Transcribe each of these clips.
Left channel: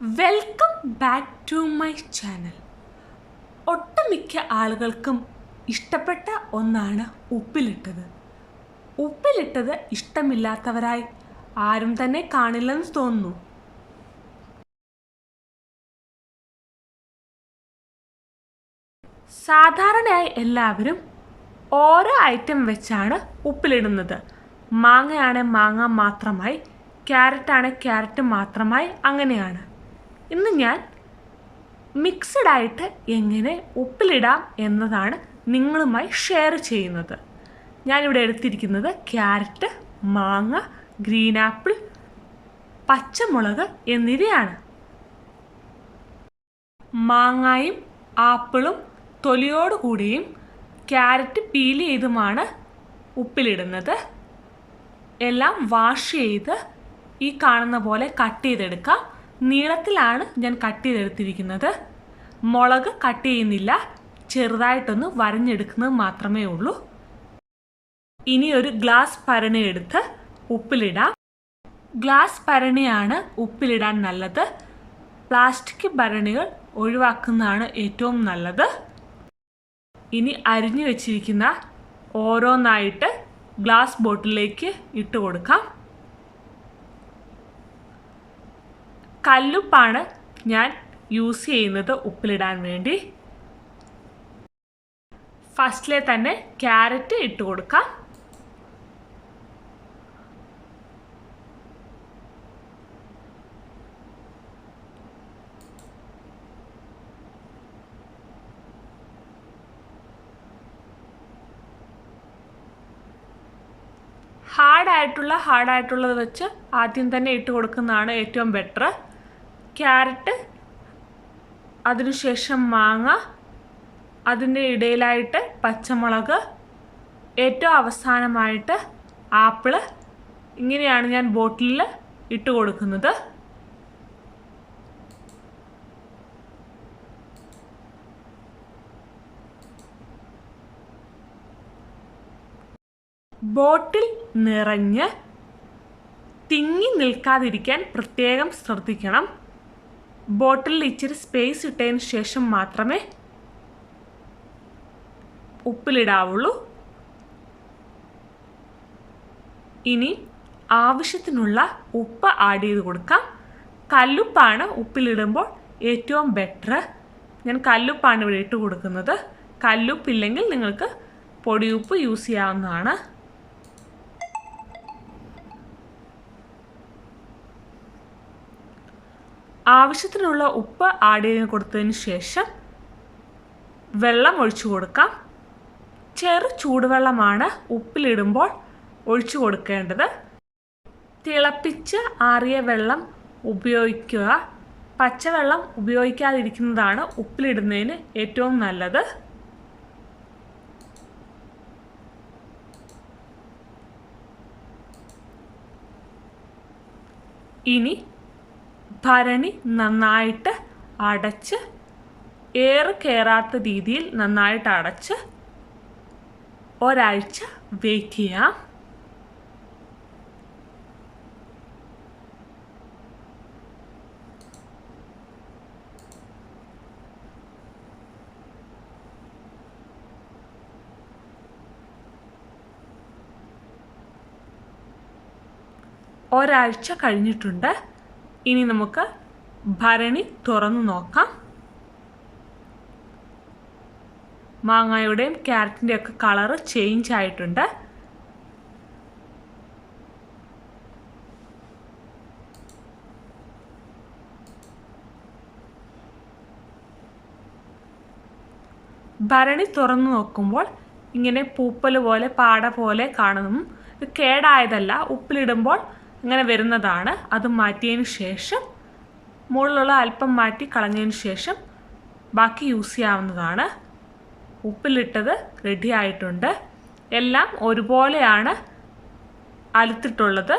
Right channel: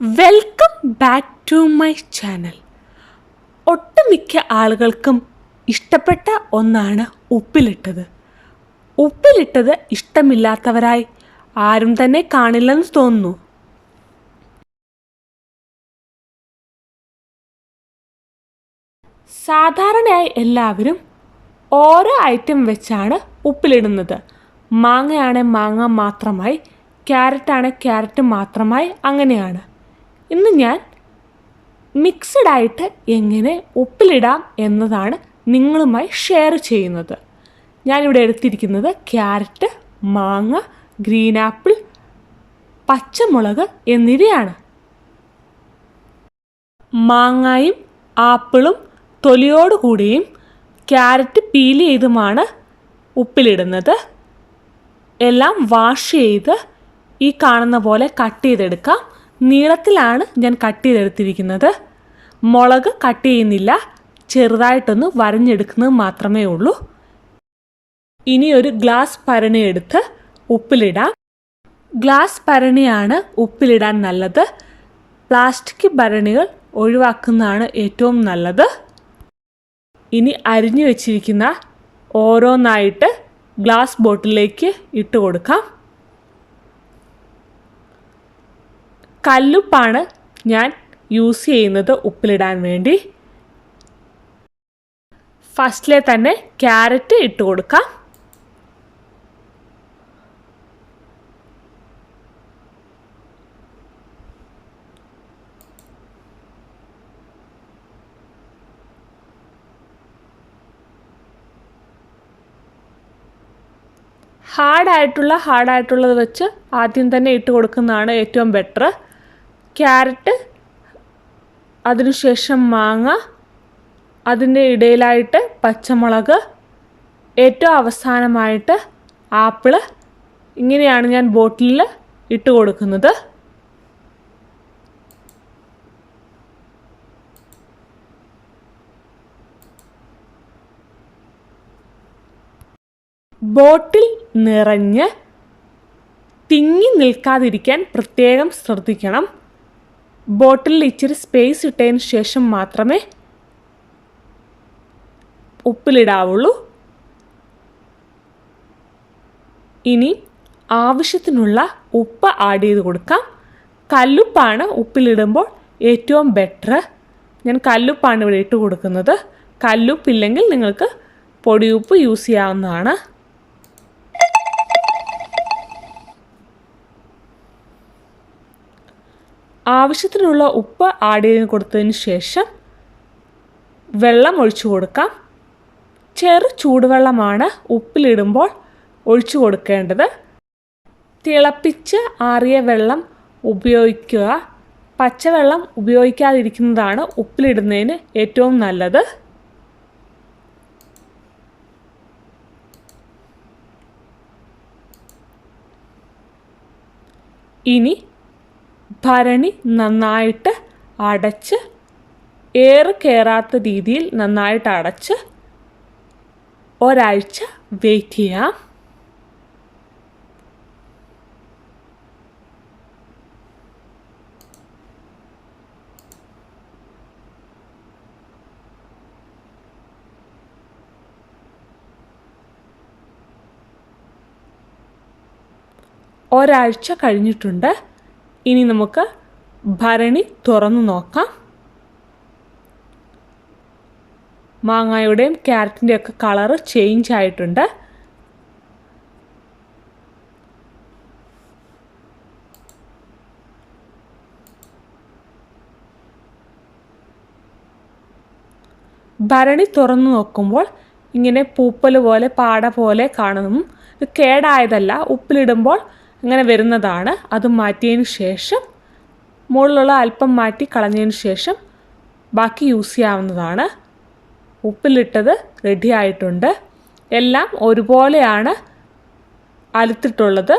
Welcome back to my channel. ഒട്ടുമിക്ക ആളുകൾക്കും ഇഷ്ടപ്പെട്ട ഒന്നാണ് ഉപ്പിലിട്ടത്. ഉപ്പിലിട്ടത് ഇഷ്ടമില്ലാത്തവരായി ആരും തന്നെ കാണില്ലെന്ന് തോന്നുന്നു. സാധാരണയായി എല്ലാവരും ഓരോ ഐറ്റം വെച്ചാണ് ഉപ്പിലിടുന്നത്. മാങ്ങയാണെ മാങ്ങ മാത്രമായി, ക്യാരറ്റാണ് ക്യാരറ്റ് മാത്രമായി, അങ്ങനെയാണ്. ഇന്ന് ഞാൻ മിക്സഡ് ആയിട്ട് എങ്ങനെ ഉപ്പിലിടാം എന്നതാണ് നിങ്ങളുമായി ഷെയർ ചെയ്യുന്നത്. ഞാനിവിടെ എടുത്തിരിക്കുന്നത് ക്യാരറ്റ്, മാങ്ങ, ഗ്രീൻ ആപ്പിൾ, പച്ചമുളക് എന്നിവയാണ്. മാങ്ങയും ആപ്പിളും തൊലിയോട് കൂടിയും ക്യാരറ്റ് പീൽ ചെയ്തുമാണ് ഉപ്പിലിടുന്നത്. എല്ലാം വാഷ് ചെയ്ത് ഈ കാണുന്ന പോലെ കട്ട് ചെയ്തെടുക്കാം. നീളത്തിലാണ് ഞാൻ കട്ട് ചെയ്തെടുത്തിരിക്കുന്നത്. മുളക് കട്ട് ചെയ്യുന്നില്ല, ചെറുതായിട്ടൊന്ന് വരഞ്ഞെടുക്കുന്നത് മാത്രമേ ഉള്ളൂ. ഇനി ഒരു ഗ്ലാസ് ഭരണി എടുത്ത് ഉപ്പിലിടാം. ഗ്ലാസ് ഭരണിയാണ് ഉപ്പിലിടാൻ നല്ലത്. പ്ലാസ്റ്റിക് ഭരണികൾ ഒഴിവാക്കുന്നതാണ് ഏറ്റവും നല്ലത്. ഇനി അരിഞ്ഞു വെച്ചിരിക്കുന്ന ഓരോന്നായിട്ട് ഗ്ലാസ് ബോട്ടിലേക്ക് ഇട്ട് കൊടുക്കാം. കല്ലുപ്പാണ് ഞാൻ യൂസ് ചെയ്യുന്നത് ഉപ്പിലിടാൻ വേണ്ടി. ഫസ്റ്റിലെ തന്നെ ക്യാരറ്റ് ഇട്ട് കൊടുക്കാം. ഹാർഡായിട്ടുള്ളത് വെച്ച് ആദ്യം തന്നെ ഇട്ട് കൊടുക്കുന്നതാണ് ഏറ്റവും ബെറ്റർ. ക്യാരറ്റ്, അതിനുശേഷം മാങ്ങ, അതിൻ്റെ ഇടയിലായിട്ട് പച്ചമുളക്, ഏറ്റവും അവസാനമായിട്ട് ആപ്പിള്. ഇങ്ങനെയാണ് ഞാൻ ബോട്ടിലിൽ ഇട്ട് കൊടുക്കുന്നത്. ബോട്ടിൽ നിറഞ്ഞ് തിങ്ങി നിൽക്കാതിരിക്കാൻ പ്രത്യേകം ശ്രദ്ധിക്കണം. ബോട്ടിലിൽ ഇച്ചിരി സ്പേസ് ഇട്ടതിന് ശേഷം മാത്രമേ ഉപ്പിലിടാവുള്ളൂ. ഇനി ആവശ്യത്തിനുള്ള ഉപ്പ് ആഡ് ചെയ്ത് കൊടുക്കാം. കല്ലുപ്പാണ് ഉപ്പിലിടുമ്പോൾ ഏറ്റവും ബെറ്റർ. ഞാൻ കല്ലുപ്പാണ് ഇവിടെ ഇട്ട് കൊടുക്കുന്നത്. കല്ലുപ്പില്ലെങ്കിൽ നിങ്ങൾക്ക് പൊടിയുപ്പ് യൂസ് ചെയ്യാവുന്നതാണ്. ആവശ്യത്തിനുള്ള ഉപ്പ് ആഡ് ചെയ്ത് കൊടുത്തതിന് ശേഷം വെള്ളം ഒഴിച്ചു കൊടുക്കാം. ചെറു ചൂടുവെള്ളമാണ് ഉപ്പിലിടുമ്പോൾ ഒഴിച്ചു കൊടുക്കേണ്ടത്. തിളപ്പിച്ച് ആറിയ വെള്ളം ഉപയോഗിക്കുക. പച്ചവെള്ളം ഉപയോഗിക്കാതിരിക്കുന്നതാണ് ഉപ്പിലിടുന്നതിന് ഏറ്റവും നല്ലത്. ഇനി ഭരണി നന്നായിട്ട് അടച്ച്, എയർ കയറാത്ത രീതിയിൽ നന്നായിട്ട് അടച്ച് ഒരാഴ്ച വെയിറ്റ് ചെയ്യാം. ഒരാഴ്ച കഴിഞ്ഞിട്ടുണ്ട്. ഇനി നമുക്ക് ഭരണി തുറന്നു നോക്കാം. മാങ്ങയുടെയും ക്യാരറ്റിൻ്റെയും ഒക്കെ കളറ് ചേഞ്ച് ആയിട്ടുണ്ട്. ഭരണി തുറന്നു നോക്കുമ്പോൾ ഇങ്ങനെ പൂപ്പൽ പോലെ പാട പോലെ കാണുന്നു. ഇത് കേടായതല്ല, ഉപ്പിലിടുമ്പോൾ ഇങ്ങനെ വരുന്നതാണ്. അത് മാറ്റിയതിന് ശേഷം, മുകളിലുള്ള അല്പം മാറ്റി കളഞ്ഞതിന് ശേഷം ബാക്കി യൂസ് ചെയ്യാവുന്നതാണ്. ഉപ്പിലിട്ടത് റെഡി ആയിട്ടുണ്ട്. എല്ലാം ഒരുപോലെയാണ് അലുത്തിട്ടുള്ളത്.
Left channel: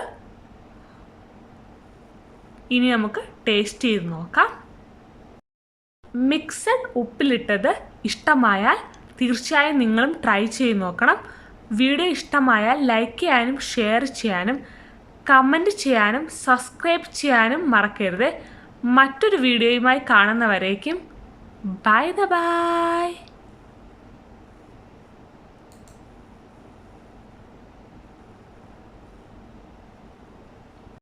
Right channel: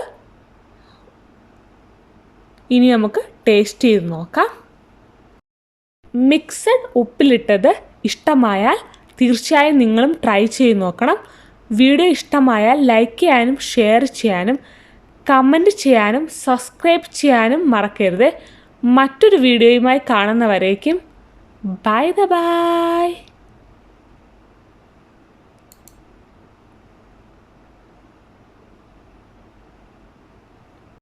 ഇനി നമുക്ക് ടേസ്റ്റ് ചെയ്ത് നോക്കാം. മിക്സഡ് ഉപ്പിലിട്ടത് ഇഷ്ടമായാൽ തീർച്ചയായും നിങ്ങളും ട്രൈ ചെയ്ത് നോക്കണം. വീഡിയോ ഇഷ്ടമായാൽ ലൈക്ക് ചെയ്യാനും ഷെയർ ചെയ്യാനും കമൻറ്റ് ചെയ്യാനും സബ്സ്ക്രൈബ് ചെയ്യാനും മറക്കരുത്. മറ്റൊരു വീഡിയോയുമായി കാണുന്നവരേക്കും ബൈ.